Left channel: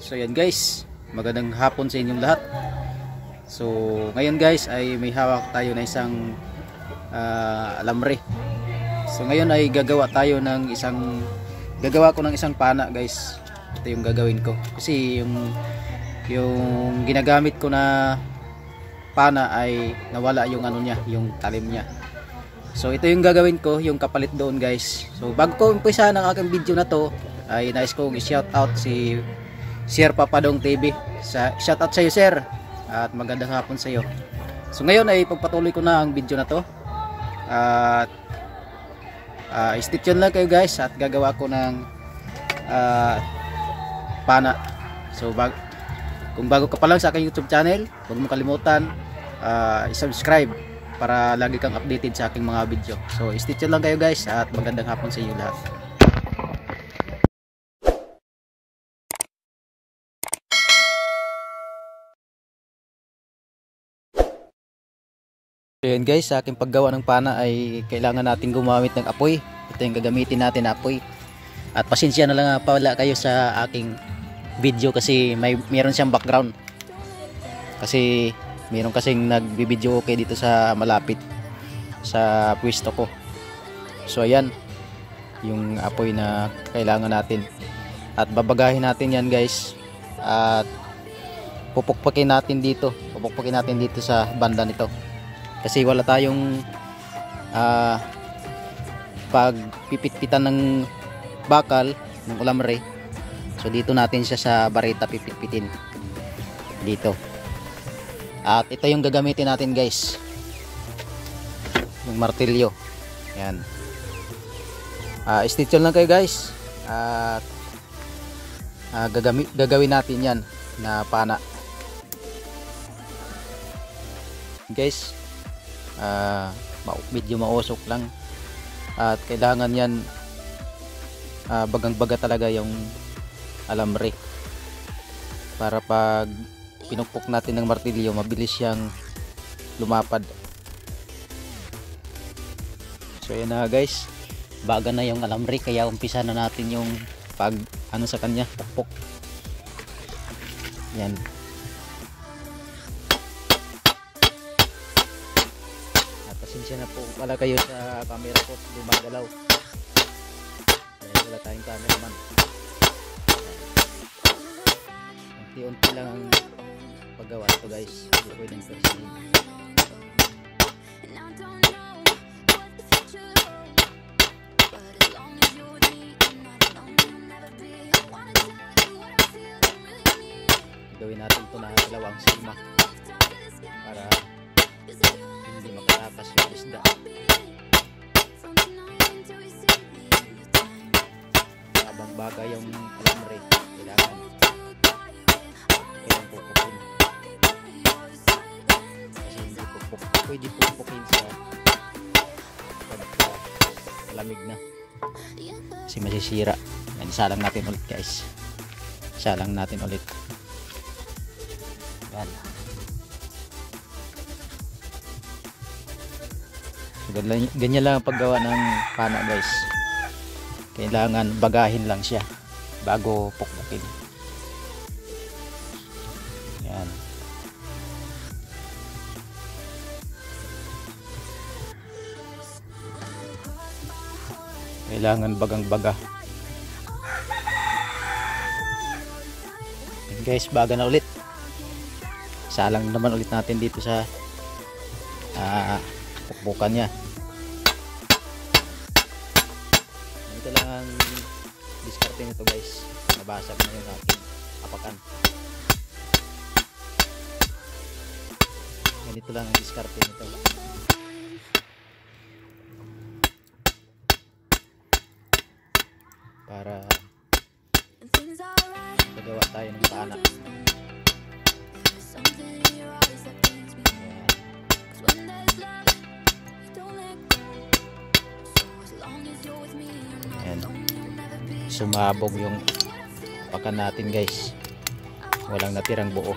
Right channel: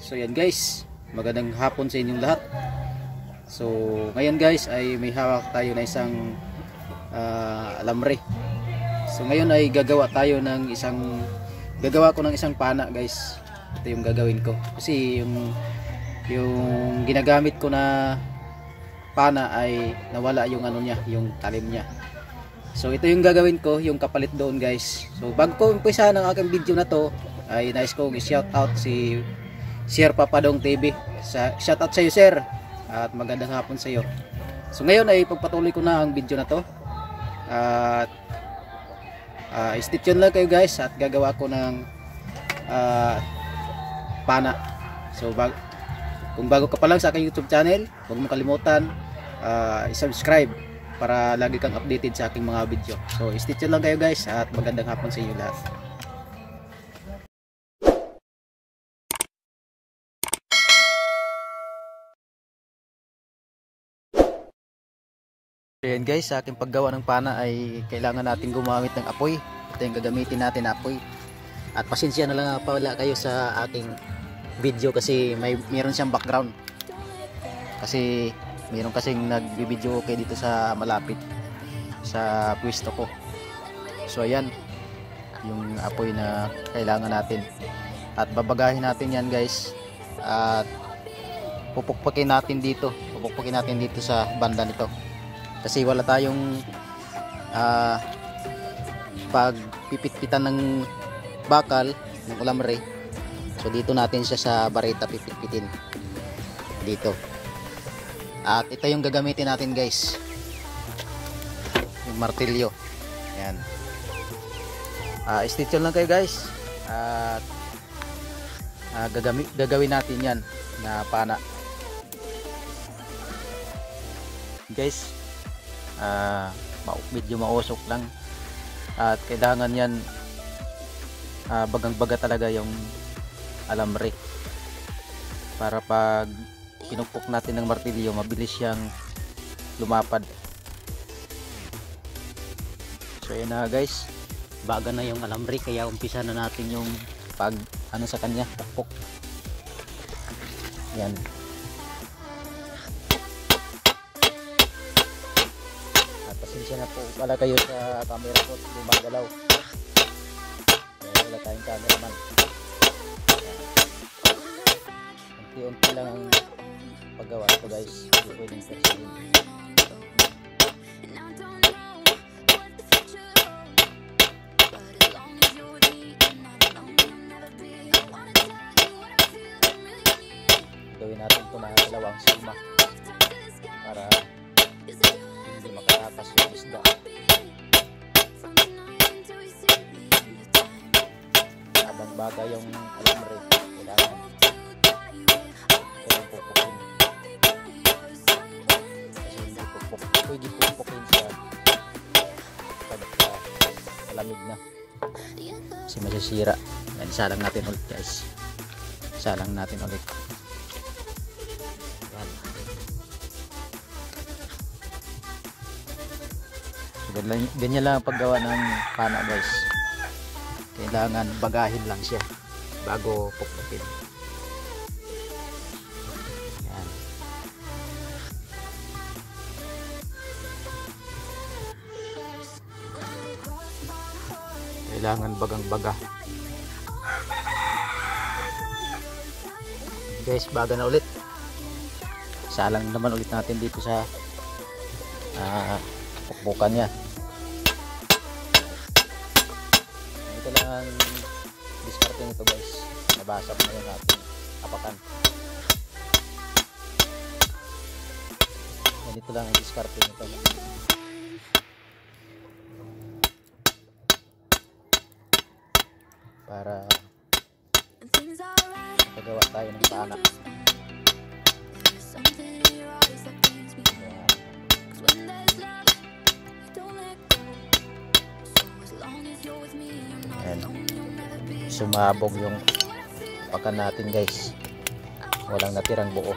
So yan guys, magandang hapon sa inyong lahat. So ngayon guys ay may hawak tayo na isang alambre. So ngayon ay gagawa ko ng isang pana guys. Ito yung gagawin ko kasi yung ginagamit ko na pana ay nawala yung ano niya, yung talim niya. So ito yung gagawin ko, yung kapalit doon guys. So bago ko umpisa ng aking video na to ay nais kong i-shout out si Sir Papadong TV. Shout out sa iyo sir at magandang hapon sa iyo. So ngayon ay pagpatuloy ko na ang video na to at stay tuned lang kayo guys at gagawa ko ng pana. So kung bago ka pa lang sa aking YouTube channel, huwag mo kalimutan i-subscribe para lagi kang updated sa aking mga video. So stay tuned lang kayo guys at magandang hapon sa inyo lahat. Ayan guys, sa aking paggawa ng pana ay kailangan natin gumamit ng apoy. Ito yung gagamitin natin na apoy. At pasensya na lang pala kayo sa aking video kasi meron siyang background. Kasi meron kasing nagbibideo okay dito sa malapit sa pwesto ko. So ayan, yung apoy na kailangan natin. At babagahin natin yan guys. At pupukpukin natin dito sa banda nito. Kasi wala tayong pagpipit-pitan ng bakal ng alambre. So dito natin siya sa barita pipit-pitin dito. At ito yung gagamitin natin guys, yung martilyo. Yan. Stay tuned lang kayo guys. At gagawin natin yan na pana guys. Medyo mausok lang at kailangan yan bagang-baga talaga yung alambre para pag pinukpok natin ng martilyo mabilis siyang lumapad. So yan na guys, baga na yung alambre kaya umpisa na natin yung pag ano sa kanya, pukpok. Yan. Pasensya na po pala kayo sa camera ko, gumagalaw. Wala tayong cameraman. Unti-unti lang ang paggawa ko guys. Hindi pwedeng persihin. Gawin natin ito na dalawang sima para hindi makatakas yung isda. Habang baga yung alambre, kailangan pupukin. Kasi hindi pwede pupukin sa malamig na kasi masisira. Yan, salang natin ulit guys, salang natin ulit. Yan. Ganyan lang ang paggawa ng pana guys. Kailangan bagahin lang siya bago pukpukin. Yan. Kailangan bagang-baga. Guys, baga na ulit. Salang naman ulit natin dito sa pukpukan niya. Ito lang ang diskarte nito guys. Nabasa ko na yung ating apakan. Ganito lang ang diskarte nito. Para magawa tayo ng pana. Ayan. Sumabog yung pakan natin guys, walang natirang buo.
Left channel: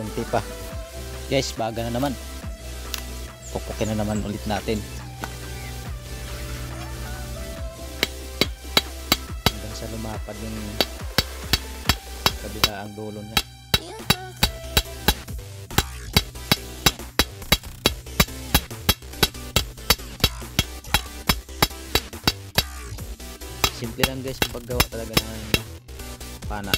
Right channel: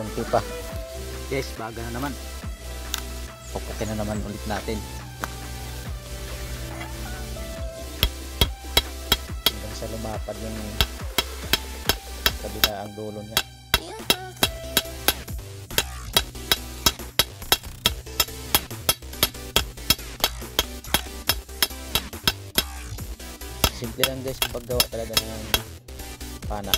kunti pa. Guys, baga na naman. Pupukin na naman ulit natin. Hanggang sa lumapad yung kabilaang dulo niya. Simple lang guys yung paggawa talaga ng pana.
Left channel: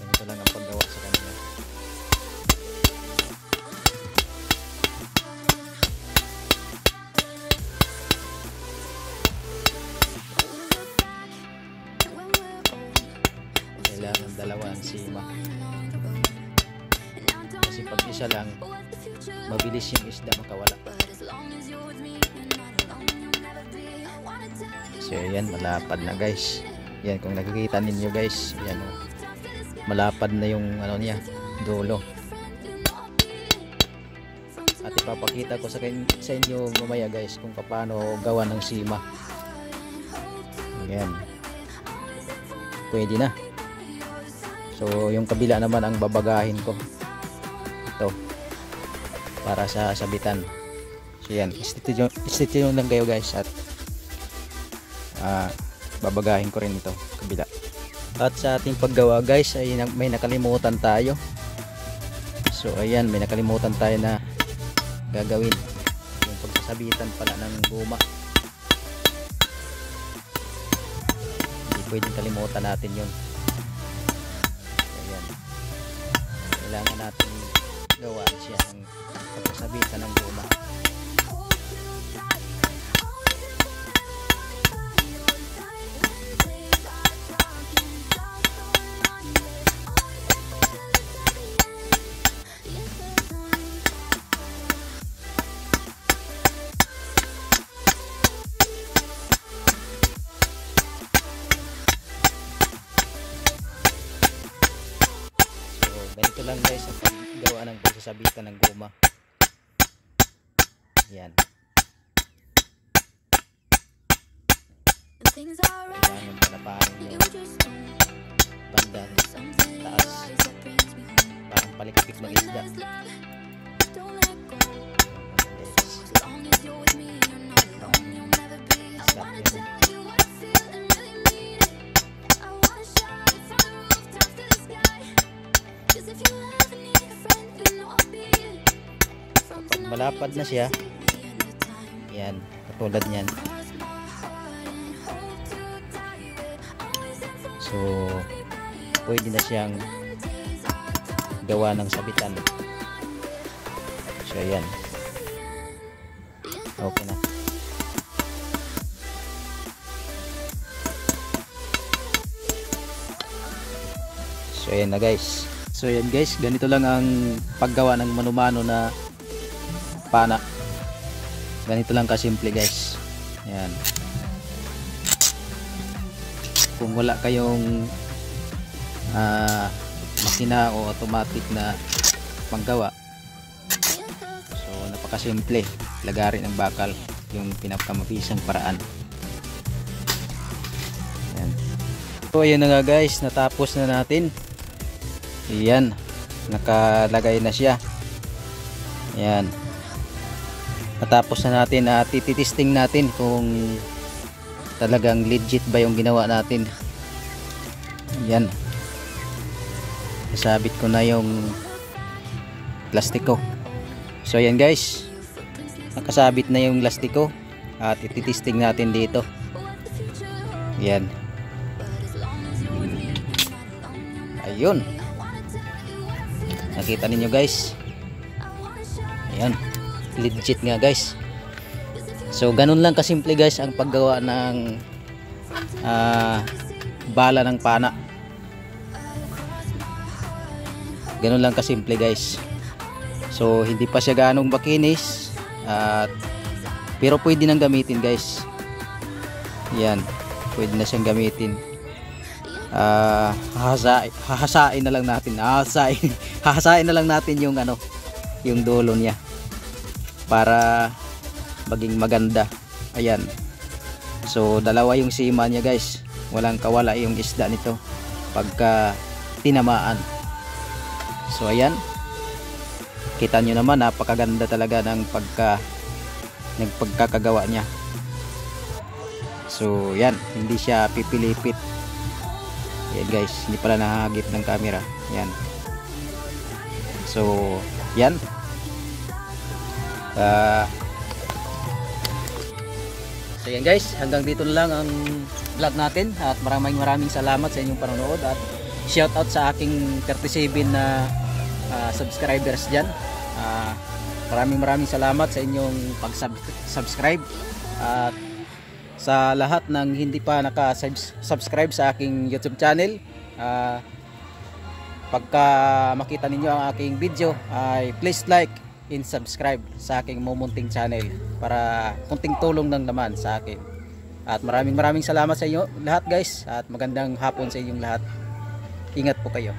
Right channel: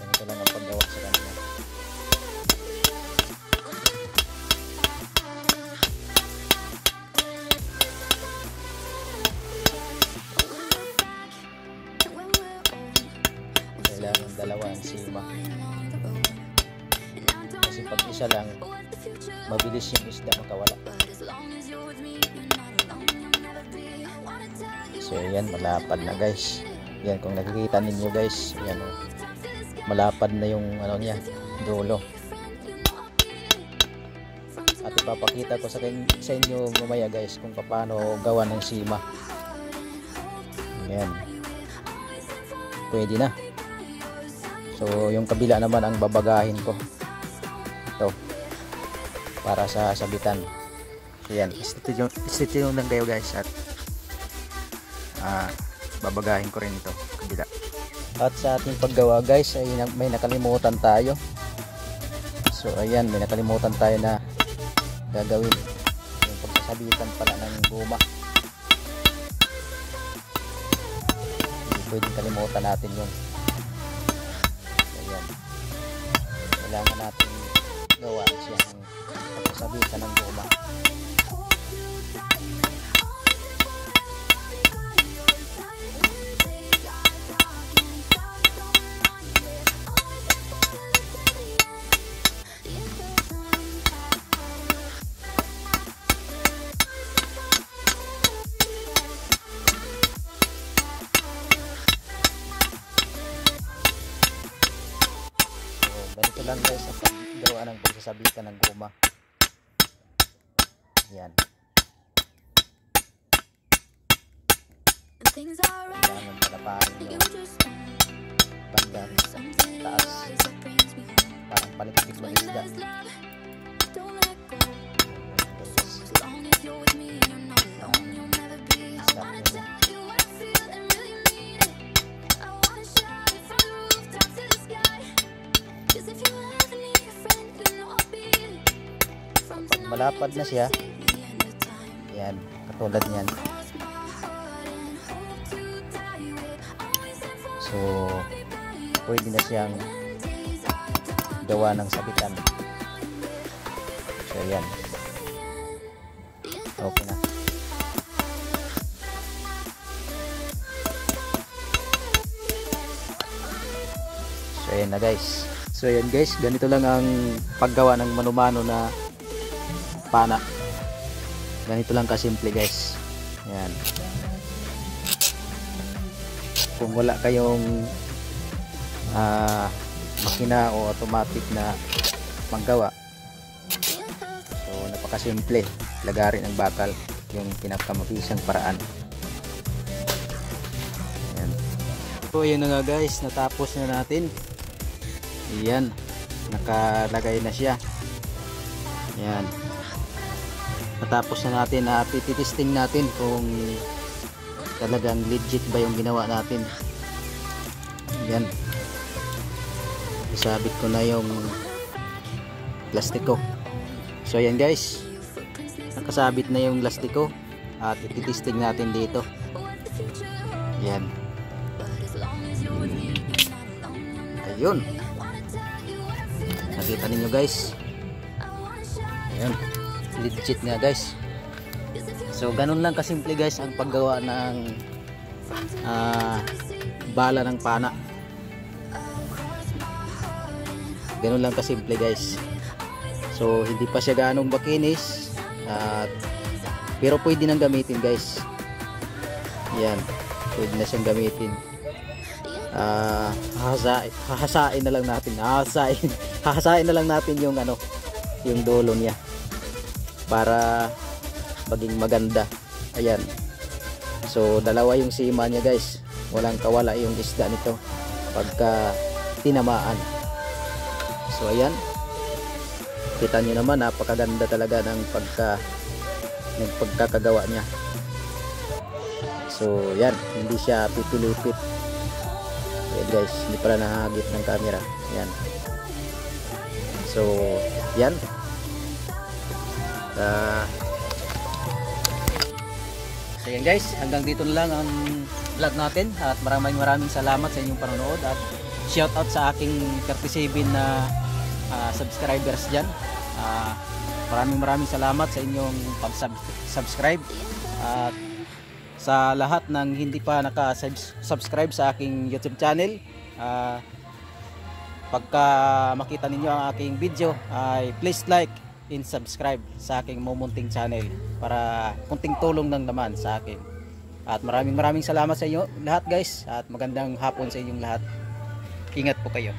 Ganito lang ang paggawa sa kanila. Kailangan dalawa ang sima. Kasi pag isa lang, mabilis yung isda makawala. So yan, malapad na guys. Yan, kung nakikita ninyo guys, yan o, malapad na yung ano niya, dulo. At ipapakita ko sa inyo mamaya guys kung paano gawa ng sima. Yan, pwede na. So yung kabila naman ang babagahin ko. Ito, para sa sabitan. So yan, stitch lang kayo guys at babagahin ko rin ito kabila. At sa ating paggawa guys ay may nakalimutan tayo. So ayan, may nakalimutan tayo na gagawin, yung pagsasabitan pala ng guma. Hindi pwedeng kalimutan natin yun. So ayan, kailangan natin gawaan siya ng pagsasabitan ng guma. Ganito lang guys ang paggawa ng pagsasabitan ng guma. Yan. Kailangan palaparin yung banda taas. Parang palikpik ng isda. Kapag malapad na siya, yan, katulad niyan. So pwede na siyang gawa ng sabitan. So yan, okay na. So yan na guys. So yan guys, ganito lang ang paggawa ng mano-mano na pana. Ganito lang kasimple guys. Yan. Kung wala kayong makina o automatic na panggawa, so napakasimple, lagarin ang bakal, yung pinakamabisang paraan. Yan. So ayun na nga guys, natapos na natin. Yan, nakalagay na siya. Yan, natapos na natin at titesting natin kung talagang legit ba yung ginawa natin. Yan, isabit ko na yung plastiko. So yan guys, nakasabit na yung plastiko at titesting natin dito. Yan, ayun, nakita ninyo guys. Ayan, legit nga guys. So ganun lang kasimple guys ang paggawa ng bala ng pana. Ganun lang kasimple guys. So hindi pa siya ganong makinis, pero pwede nang gamitin guys. Yan, pwede na siyang gamitin. Hahasain na lang natin. Hahasain na lang natin yung ano, yung dulo niya para maging maganda. Ayan. So dalawa yung sima niya guys. Walang kawala yung isda nito pagka tinamaan. So ayan, kita nyo naman, napakaganda talaga ng pagkakagawa niya. So yan, hindi siya pipilipit. Ayan guys, hindi pala nahagip ng camera. Yan. So yan, so yan guys, hanggang dito na lang ang vlog natin, at maraming salamat sa inyong panonood, at shout out sa aking 37 na subscribers dyan. Maraming salamat sa inyong pag-subscribe, at sa lahat ng hindi pa naka-subscribe sa aking YouTube channel, pagka makita ninyo ang aking video ay please like and subscribe sa aking mumunting channel para kunting tulong lang naman sa akin. At maraming salamat sa inyo lahat guys, at magandang hapon sa inyong lahat. Ingat po kayo.